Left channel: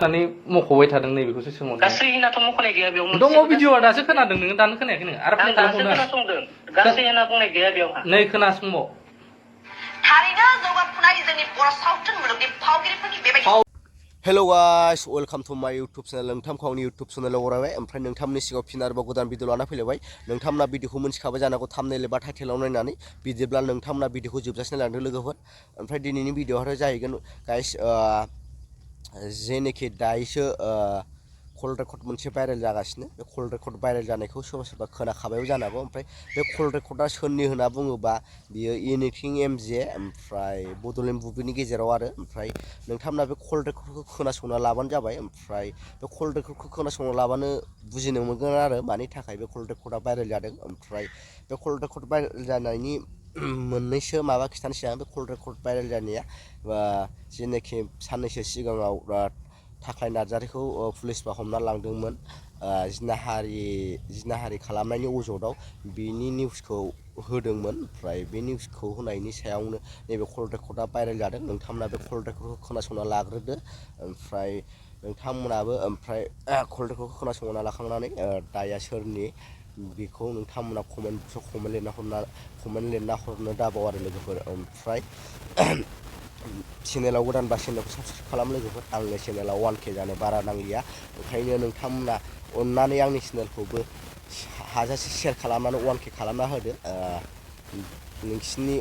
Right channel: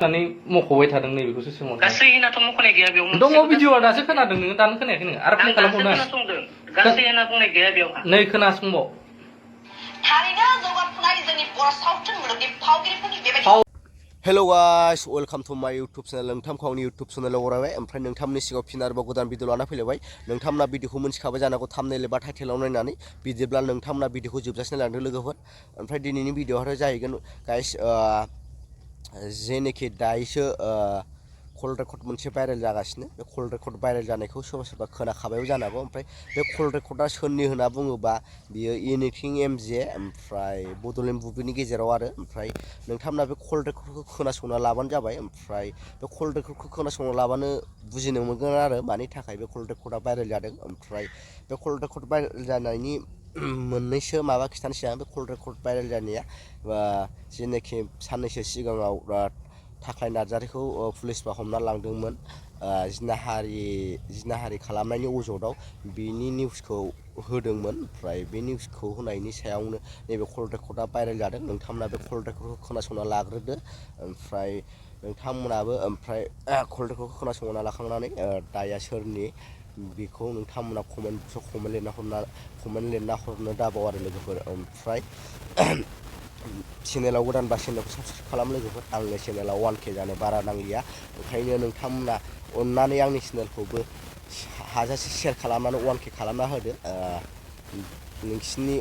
Kani mok'बाय थादों नैबेखौसो सोंहरदों गासैनाथ' मख'नाय गैया बेयाव दङ भिडिअआ दासो खोनादों नोङो दानो खोनायाखै नोङो आरो प्ले खालामबावनो खोनासंदों गासै होनना बुंनाय गैया बेयावहा नै खोनासंबाव थारैनो जौगाफुनाय जोंनि बर' सावथुन मुलुगनि फावगिरिफोरनि बेबायदि हेलो गाइस वेलकाम टू माय यूट्यूब चैनल नोंथांखौ आंनि यूट्यूब चैनलाव बरायबाय ओमफ्राय नोंथांमोननि सिगाङाव फिन आरोबाव गोदान भिडिअ लाना फैलायबाय नोंथांमोना भिडिअखौ मोनथिखाबाय जानांगौ थाम्बनेल एबा टाइटेलाव नायनानै बिदिब्ला नोंथांमोना भिडिअखौ जोबजासिम नायलांदो लोगोफोर ओमफ्राय दिनैनि भिडिअआथ' जाहैगोन गाइस जेनेखि दायोसो कल रेकर्ड मोनसे भाइरेल जागासिनो बे कल रेकर्ड भाइरेल जानायखौ सोरबा सोरबा खोनाखाबायबो जानो हागौ ओमफ्राय बे कल रेकर्डआ सोरनि होनना बुङोबा बियो इनिकिं एमजे ओमफ्राय बड'लेण्ड बुब्लिनि गेजेराव आरो ओमफ्राय नोंथांमोना बे कल रेकर्डखौ खोनासंना लाबानो जाबाय ओमफ्राय बे कल रेकर्डखौ खोनासंना लाबानो बुजिनो मोनगोन आरो मानि थाखाय बे कल रेकर्डआ भाइरेल जादों ओमफ्राय बे कल रेकर्ड भाइरेल जानायनि मोननैसो माबा खिथानोसै आं बे कल रेकर्ड भाइरेल जानाया जेनेखि साननैसो सिगाङाव थाख्लाय नार्जारिखौ पुलिसफ्रा हमना लांदोंमोन जिनाहारि खालामनायनि अजदाव बिनि निउसखौ होदोंमोन ओमफ्राय बे निउसखौ होनायनि सायावनो नैबे कल रेकर्डआ भाइरेल जादों नोंथांमोना बे कल रेकर्डखौ खोनासंना लाग्रोदो ओमफ्राय नोंथांमोनाबो ओमफ्राय कल रेकर्डखौ खोनासंना लाखांनानै दाया सोरनि बेखौ नोंथांमोना कमेन्ट लिरना हरनो दाबाव आरो लोगोफोर ओमफ्राय चेनेलाव गोदानबा चेनेलखौ साबसक्राइब खालाम लोगोफोर आंनि चेनेलाव 1K जानो बारा नांलिया ओंखायनो नोंथांमोना अननानै आंनि चेनेलखौबो हाजासे शेयार खालामनानै 1K खालामना होदो नोंसिनि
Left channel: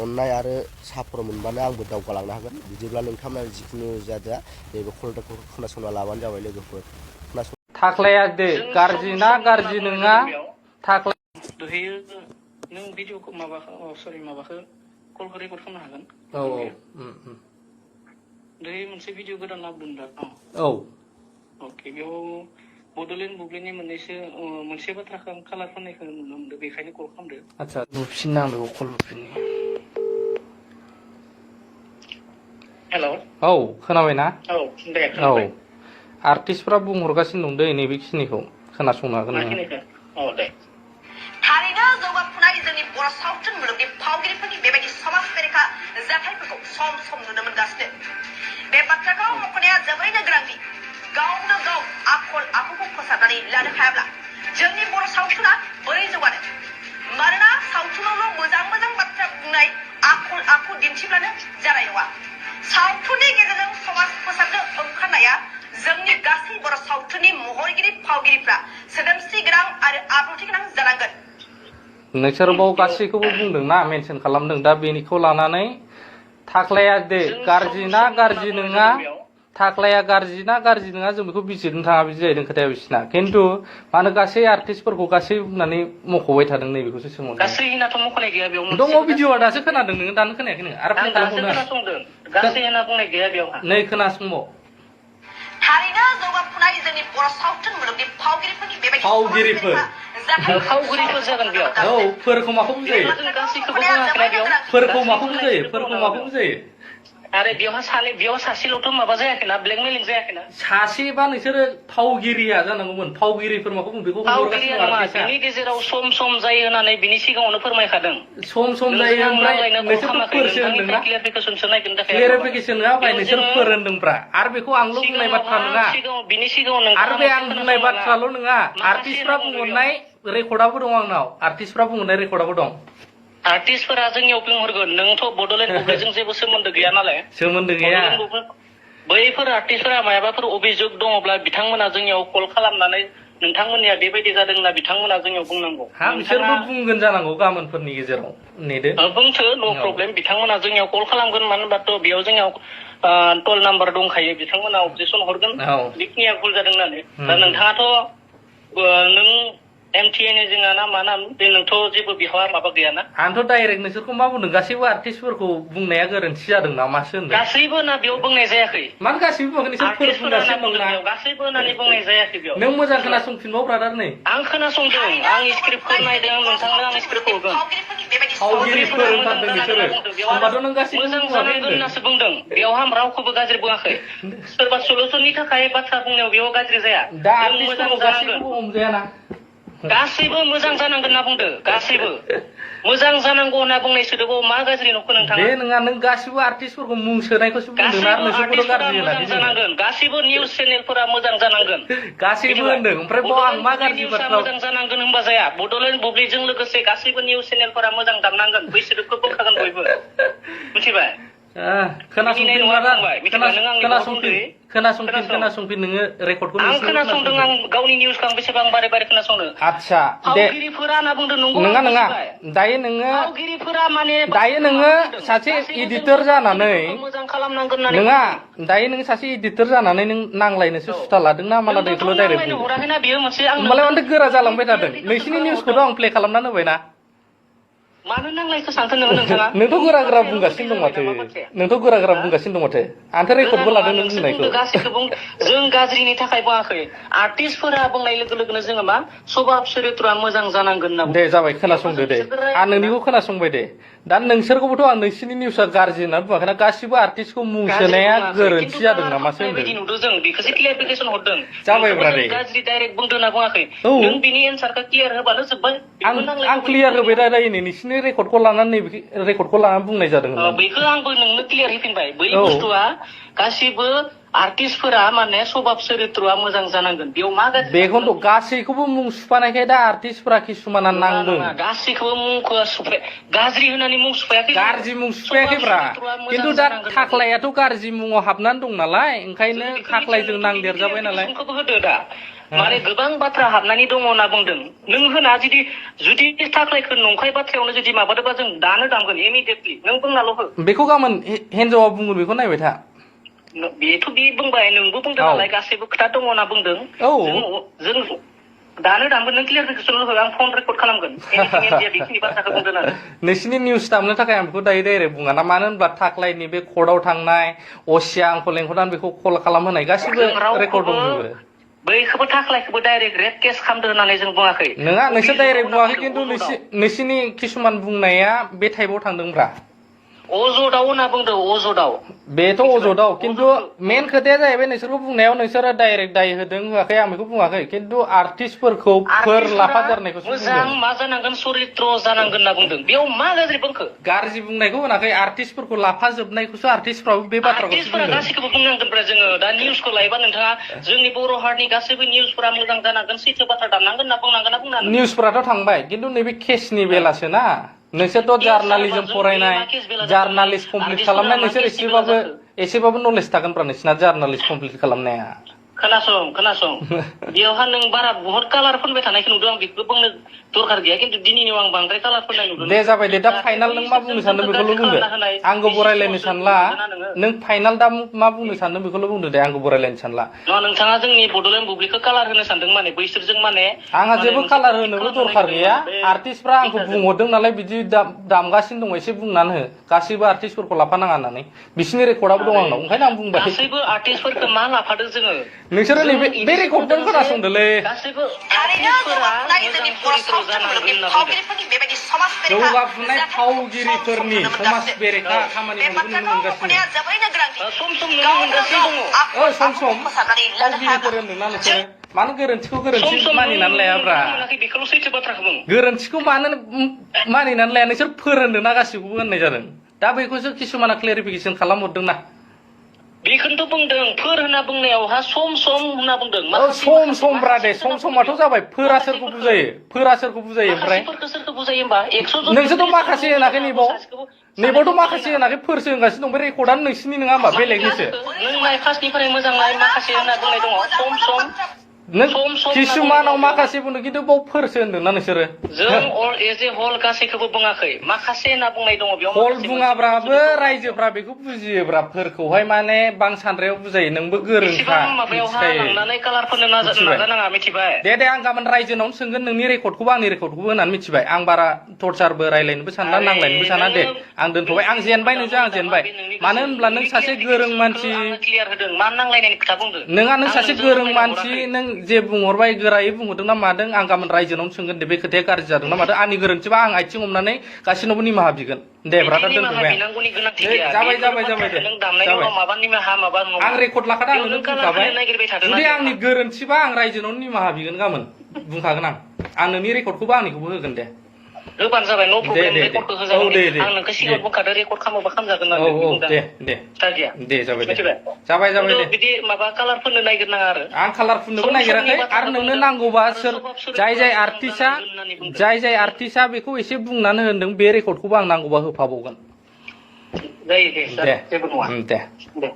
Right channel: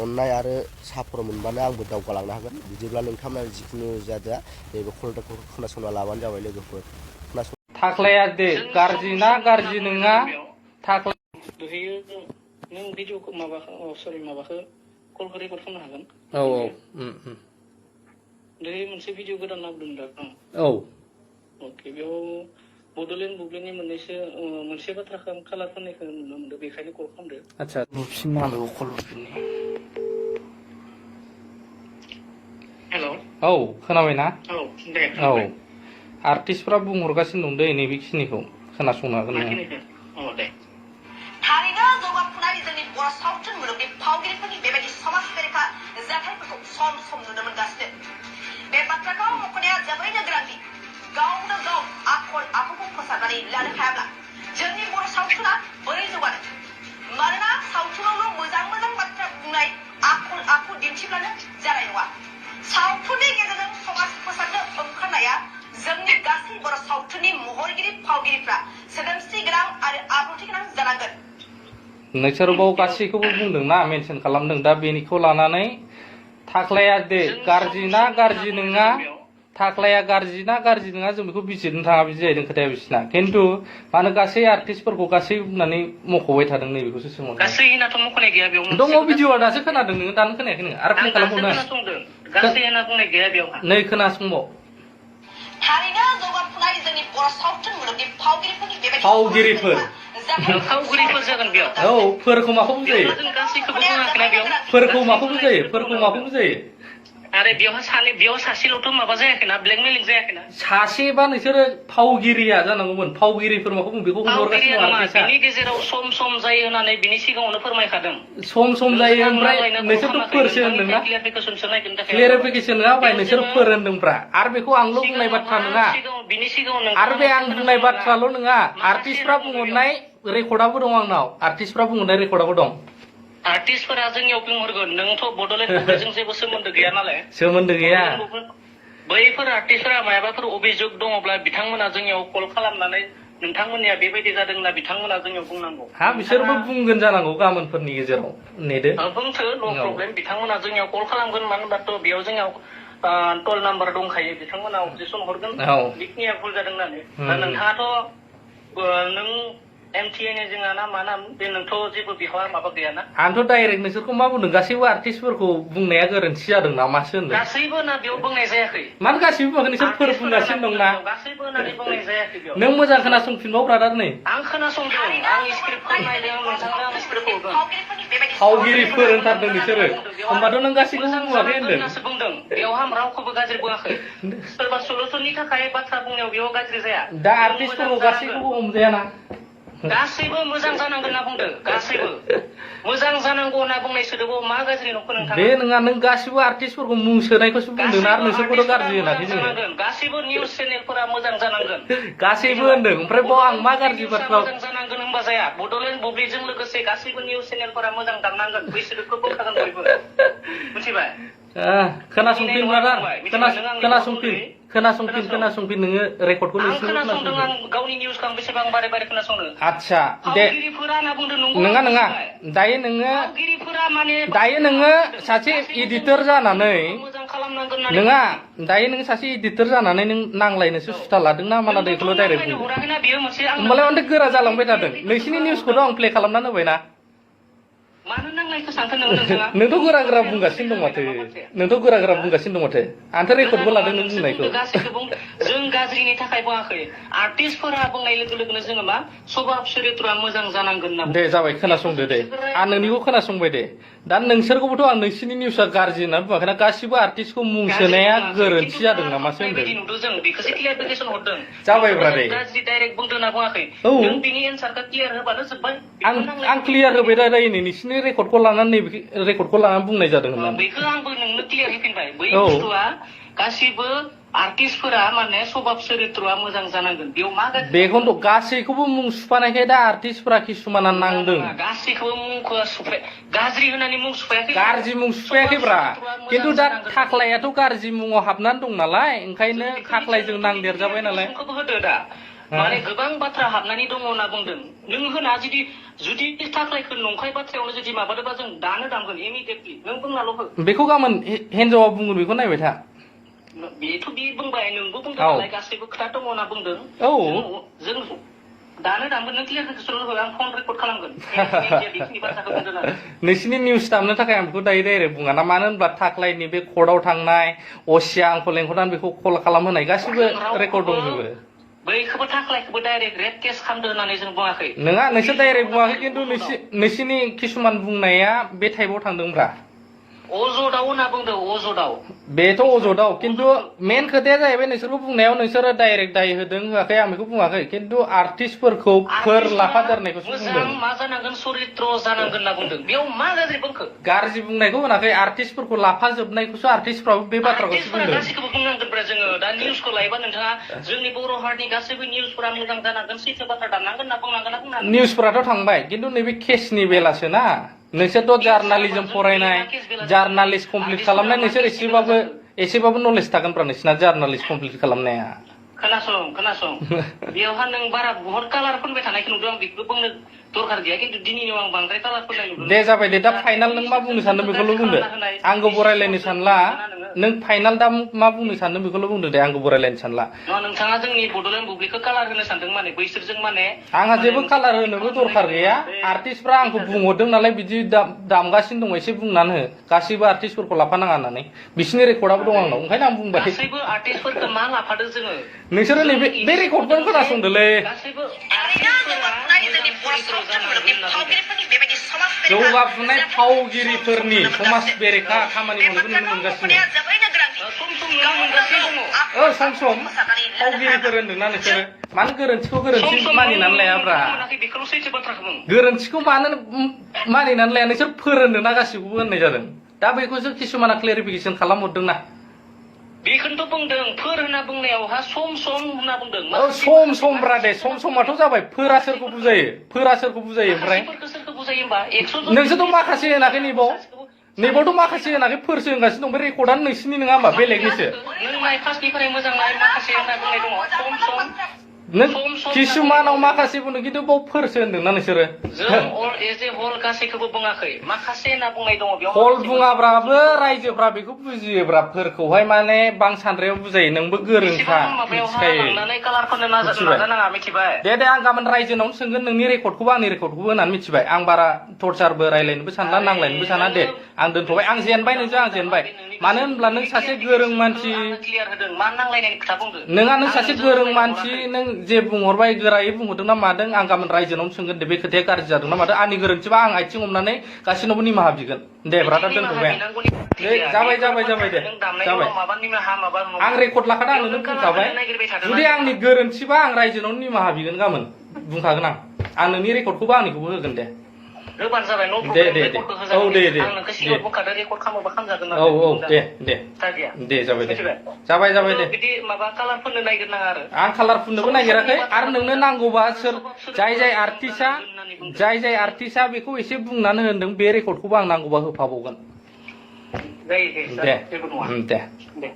अननाय आरो सापर्ट मोनबानो आंबो दावगालांनो हागोन बिदिब्ला नोंथांमोना जिखुनु जादोआ नैबे कल रेकर्डखौ खोनासंना लाबानो जाबाय लोगोफोर थाख्लाया दे गाज्रि ना गाज्रि नङा थाख्लाया दहायो नों भिडिअखौ माबाखौ कलखौ रेकर्ड खालामनो हागोन दहाय मोनसे भिडिअ गोदान लाबोदों दा अके बेयाव बड'लेण्ड बुब्लिनि मोनसे बाथ्राखौ आं कालार फाननायखौ नुनो मोनदों बेखायनो कल खालामदो आच्छा बुफिननांगौ कल बुफिननो हेल' औ खोनाबायना औ दे खोनाबाय आर्टिस्टफ्रा बुंहरगासिनो दं दै नैबेखिनिखौ खोनासंनो हागोन नोङो औ दे थारैनो जौगाफुनाय जोंनि बर' सावथुन मुलुगनि फावगिरिफोरनि बेबायदि समाज बेरेखा जाथायफोरखौ सम सम नुनो मोनगासिनो बे बाथ्राखौ मख'नाया जोबोरैनो गोनांथि गावनो गाव आखल आखुखौ फोसाबनानै लानो हायाब्ला जोंनि बर' सावथुना बोरै जौगानो मानोना सावथुनावल' मोजां मोजां बाथ्रा बुंनाय आखल आखु दिन्थिब्लानो जानाय नङा सावथुननि गेजेरजों समाज फोसाबनो ओंखारनाया जोंनि गासै बर' सावथुननि महरगिरि फावगिरिफ्रा सोदोमस्रि गोनां आरो आब्रुथि गोनां जानांगोन नोंसोर बाव गासैखौबो बुंदोंना मेनसन खालामदों दा बेनिखौ लानानै थाख्लाया दे गाज्रि ना गाज्रि नङा थाख्लाया गाज्रि ना गाज्रि नङा जों बेखौ बिजिरनो थाङा बिदि जाहैदों खोथाया बिसिना खिन्थु मानो गासै आर्टिस्टफोरखौ गासै बुंनानै मख'बाय थादों नैबेखौसो सोंहरदों गासैनाथ' मख'नाय गैया बेयाव दङ भिडिअआ दासो खोनादों नोङो दानो खोनायाखै नोङो आरो प्ले खालामबावनो खोनासंदों गासै होनना बुंनाय गैया बेयावहा नै खोनासंबाव थारैनो जौगाफुनाय जोंनि बर' सावथुन मुलुगनि फावगिरिफोरनि बेबायदि फावगिरिफोर जागोन बेयाव फोरखौ माखौ बुजायो गासैखौबो बुङाखैना बेयाव फोरखौ माखौ बुजायो आरे बेयाव सासेल'थ' माबा जायाखैना ब्लेकमेलिं जायाखैना सासेबा नोंसोरो फावगिरिया जानांगौमोन फावगिरिफोर माखौ बुङो बेखौ फावगिरिया नङा बिनि गेजेराव सम सम जायो होननानै बिनि सिगाङावनो फोरमायखादों सम जायो ओमफ्राय नोंसोरथ' फोरसो होनदोंना क्लियारिफिकेसन नङा बाय नोंसोर फोर होनदोंब्रा आरो बेखौ आंल' बुंनाय बाथ्रा नङा आरो बे आं बुंनाय बाथ्राल' नङा आर्टिस्टफ्रा बुंहरनाय रेकर्डआबो दं आंनाव आर्टिस्टफ्रा बुंहरनाय रेकर्डआबो दं आर्टिस्टफोरा जोंनियाव बुंहरगोन नोंथ' बड'लेण्ड बुब्लिजों जेबो सोमोन्दो गैया नालाय सोमोन्दो गैया बैफोर आर्टिस्टफोरा मायाबाफोर अभियोग दङब्ला बिथांमोना जोंनियाव कल खालामनानै नोंथांमोननिया बेबायदि जादों होनना बिथांमोना जोंनियाव बुंनांगौ बिसोरबो बुंगोन जानांगौ गाबोनफोरनि गेजेराव नेदो बुंथो न' प्रब्लेम बिथांमोना जोंनियाव कल खालामगोन मानो होनबाथ' बेयाव जोंनियाव टल नाम्बार दंखायो बिथांमोना अबजेक्सन हरगोन बेखिनिया भुल जादों होननानै दा नोंथाङाथ' नों MTN जोंहा ना मा नाम जोंनोथ' जेबो बिहावा माबा गैयाना आंथ' डाइरेक्ट नोंसोरखौ मा बुंदों गासैबो आर्टिस्टफोरखौ बुंनाया गोरोन्थि जादों नामासो होनदों गासैबो ना बेयाव बुंनाय जायाखै मानो गासैबो बुङाखै नोंसोर फोर बुंगासिनो दंना गासैबो होननानै बुंनाय जायाखै बेयाव नों मोजां खोनासंफिनबाव ब्रादार नै आं खोनासंदों आं स्क्रिप्टखौ नायदों नोंथांनो आं स्क्रिप्टखौ होगोन फावगिरिफोर होनथारदों बिसोरो होमबाथ' नों गासैखौबो बुङाखै होनदों बुंदों बेयाव रावखौबो गाज्रि बुङाखै सोरबा सल'सननि थाखाय बाथ्रा बुंनायाव बेयाव गाज्रि जाया दा आर्टिस्टफोरखौ गासैखौबो हमजायाना गासैबो मोजां जानांगोन होनना बुंदों गासैबो मोजां जानांगौ होनना बुंनाय सोदोबाव मा गाज्रि नुखो नोंथाङा? बे नङा नों गासिबो आर्टिस्टफोरखौ मुं सोनायखौसो बुंदों आरो नोंसोरखौथ' गाज्रि होनाखै जोङो। गासिबो निउस चेनेलफोरा मोजां जानांगोन। गासैबो होनदों ओमफ्राय बाव आं मा गाज्रि बाथ्रा मोजां जानांगोन होनबा जाया। बड'लेण्ड बुब्लिजों लोगोसे गासिबो निउस चेनेलफोरा मोजां दामनांगोन। बै सोदोबखौ बोखागोन बयबो। मिथिबाय? खोनासंफिन ब्रादार खोनासंफिन नोङो रेकर्डखौ आं खोनासंदों आं गावनि निउसखौ आं बेसेबां बारे बारे खोनासंनो। आदसा दे फावगिरिफोरा होनना बुंदों नंगौ नङा दायो नोङो फावगिरिफोरा माने दायो नोङो सासे एडिटर जानानै मोजां खालामनांगोन नङा दायो नों सासे एडिटर जानानै नों नांलायनोसो सुथा लादोंना माला दैखौल' डाइरेक्ट बुंदों हराखैना बेयो मोनसे आं होमबालाय मानोथो गोरा जालांबाय थादों नोंसिनि निउसखौथ' आं प्ले खालामना होबायना मानो नांलायखो सानखो नोंथाङा नोंथ' गोरा बुंगासिनो दं माथो नोंथ' गोरा बुंगासिनो दं माथो आंथ' रेकर्डबो लादों नों बुंनायखौ जों गाज्रिनि थाखाय बुङाखै आर्टिस्टफोरा बुंनाय लोगो लोगोनो जोङो मा सभाब चरित्रआ मोजां जानांगोन होनना दे जाबाय खोनासंदो दे आं नोंनिखौ खोनासंबाय दे दा नोंसोरखौबोथ' आं नोंसिनि निउसआ गाज्रि होननानै बुङाखैना गासिबो आर्टिस्टखौ मुं सोनाया गोरोन्थि जादों नामासो होनदों नुदों जों बेखौसो क्लियारिफिकेसन हरदों जाबायब्रा दे गाज्रि डाइरेक्ट बुंदों होनना बुङाखै नों बिनि एन्सारखौ क्लियार होबानो जोब्बाय आं क्लियार होबाय रायलायनो नोंसिनि रेकर्डखौ लानानै नैबे रेकर्डखौ लानानै बुंनाय जादों बेखौ आंबो नोंनो क्लियार होफिनबाय बै बुस्थुआ गासिबो आर्टिस्टफोरा माने सभाब चरित्रआ मोजां जानांगोन बेयाव मा बेखौनोथ' गासैखौबो मुं सुफानायखाय दा आर्टिस्टफोरा किसुमाना नांदों गासैखौबो मुंखौ गाज्रि होननानै मुं सुफायाखै गाज्रि मुं सुफायाखैब्रा खिन्थु दा थाख्लायाथ' गाज्रि मुङाव हाबनानै दं नालाय ओंखायनो थाख्लायजों नांदेरजाबाय नालाय होदो दा माने गोबां बाथ्रा हाबनानै दङ होनना बुंदों नों होना जुदि थाख्लायखौ नंखाय बाथ्रायावनो जुदि माबादोंबा जों दानो दामगोन इमिडियेटलि नों बुंनाल' हो बेखौ गाबोन हिन्जावा बुंगोन बेखौ नायबाय था बेथ' बे बुंबाय नोंबो बुंदों नालाय गासैबो खोथा दङ होनना बुंदों जों दानो दामगोन नों क्लियारिफिकेसन हो आं फन रेकर्ड खालामगोन बेखिनि बाथ्राखौ बुंदों आरो नोंसिनि निउस दामनो थाखाय आं बेखौ दायो डाइरेक्ट बुङा ना मानो होनब्ला थाख्लायनि बे कर्टआव थांनाय असिया आंखौ लेंहरनानै बेखौ कल खालामहोनाय गासिबो रेकर्ड दंजोबो बैखौबो थाख्लायखौबो डाइरेक्ट रेप केस खालामदों होननानै जों बुङाखै नङा नोंसोर डाइरेक्ट बुङाखै खिन्थु नोंसिनि किसुमान बुंनाया बे टाइपआव थांदोंब्रा अजदाव होनना बुंदों अजदाव बेथ' अजदाव खिन्थु मेन खोथाया जाहैबाय नोंसोरखौ बुंनायाव नोंसोरो डाइरेक्ट दाय होदों होआखै आं बेखौ बुङाखै खिन्थु आर्टिस्टफोरखौ फोर लाफादेरनायखौसो बुंदों मा जानांगोन चरित्र जानांगोन होनना बुंदों बेयाव मा गाज्रि बुंखो गाज्रि बुंनायखौ होनाखै आर्टिस्टफोरखौ लाफाजोबनायखौ आर्टिस्टफ्राबो बे बाथ्राखौसो बुंदों गासैखौबो बुंनांगोनब्रा जोङो दा निउसखौ लायोबा नोंथाङा जोंनि बर' हारिनि गासैबो निउसफोरा मोजां जानांगोन सैथो बाथ्रा दामनांगोन होनना बुंनांगोन ना बुंनांगोन निउसफोराथ' थांबाय खिन्थु नैबे केसनि बेलासो ना नोंसोरथ' जार्नालिजम फरायनाय जार्नालिस्ट कमप्लिट खालामनाय नोंसोर एसेबाबो नलेज थागोनब्रा नोंसिना जार्नालिस्ट कमप्लिट खालामनाया खोनासं बेयावहा नों बारा बहुत कालार फोनबाय थानायखौ नुदों आं बेखौ बुंनो दरकार गैया खिन्थु दिनैनियाव आं बांद्राय कालार फोननाय नुदों दे जाबाय दे दा फाइनाल नों मा बुंनो सानदों बेखौल' बुंदो आंखौ बरायलायनो सानला नों फाइनाल दा मा बुंनो सानदों बेखौल' बुंदो दे आंखौ बरायलायनो सानला नोंथाङा जोंनि बड'लेण्ड बुब्लिखौ कालार होनो सानदों माने बैसोरजों माने आंहा जेबो कालार होनोबो दरकार गैया आर्टिस्टफ्रा आंखौ बुंहरदों नालाय बिदि दामगासिनो दं एसे बुंनानै हो गासैबो आर्टिस्टफोरखौ लाफानाङा होननानै बिसिनि रेकर्डआबो दं आंनाव ओंखायनो आं बुंबाय गासैबो आर्टिस्टफोरखौ मा लाफादों जोङो नोंसोरो नैबे बे रेकर्डखौ खोनासंदोलै जौगाफुनाय फावगिरिफोरनि समाज बेरेखा खामानि मावनायखौ नुनो मोनगासिनो सम फावगिरिफोर होनदोंना नोंसोरो मानो गोरोन्थिखौ गोरोन्थि मानिनानै लायाब्रा गोरोन्थिखौ मानो मानिनानै लाया नोंसोर फोरोंदोंना गासिखौबो होननाय जादों दा बेखौसो किसुमाना क्लेरिफिकेसन खालामहरदोंना बेखौनोथ' बुंदों फोर होनना बुंनायावहा सम होनना बुंदों सम ब्रा दे समाथ' जाबाय फोरा सोरखौ बुजायो ओमफ्राय सोरखौ बुजायो होमबा नोंसोरथ' माखासे होनाखै नैबावथ' माखासे होनाखै फोरसो होनगासिनो दं बे रेकर्डआनो नोंसिनि नङा होमबा बेलेगनिसो नों नाय फार्स्टनिफ्राय मोजां नाय माखासे होनना बुंनाय दङ सम नों किसुमानाव माखासे बुंदों खिन्थु बाव फोरसो होनदोंना नोंसोरो जों एज ए हल गासैखौबो बुङाखै माखासे होनना बुंनाय दङ बेयाव हल बुङाब्राबो रायजोफ्रा बेखौ बुजियोब्रा फोरखौहाय माने बांसान्द्रायाव बुजायो नोंबो गोरोंखा दे आं गाबोन रायजोनावनो सोंगोन नोंनि रेकर्डखौबो आंनि रेकर्डखौबो होननानै मिथिबाय आं बारा टर्चारबो रायलायनोबो सानला नांलायनोबो साना दे आं दोनथ'बाय आं जेनबाय नोंजों आं जेनबाय मानो होनब्ला नों सासे गोरों मानसि नोंहा नों सासे गोरों मानसि नों जे बुंहरबाय गोरायै बुंहरदों ना मादों आं गाबोन रायजोनावनो सोंगोन दे बे खोथाया गाज्रि जादों ना मादों आंनि गोरोन्थिबा आं आथिं हमनानै गासिनावबो निमाहा बिगोन दे ब्रादार दोनथ'बाय जाबाय दे जाबाय आं रेकर्ड लाखादों आं नोंनो बुंखाबाय जुदि आंनि गोरोन्थिबा आं रायजोनावनो निमाहा बिगोन गाबोन बुंखागोन आं नोंनि रेकर्डखौबो आंनिखौबो होगोन दे होबानो जाबाय न' प्रब्लेम रेकर्डखौ होजागोन आं नोंखौ सिगाङाव बुंखादों रेकर्ड खालामोबा खालामजागोन औ दे दे गाज्रिया दे जाबाय दे जाबाय दे बिदि माबा कालार फोननो नागिरनाङा आरो आं कालार फुननोबो नागिराखै आरो नोंनो नांगौबा सोर जाय आर्टिस्टआ बेखौ एसे बुंनानै होनदों बे रेकर्डखौबो आं नांगौबा होफाबावगोन जायो दे जेबो नङा दे दे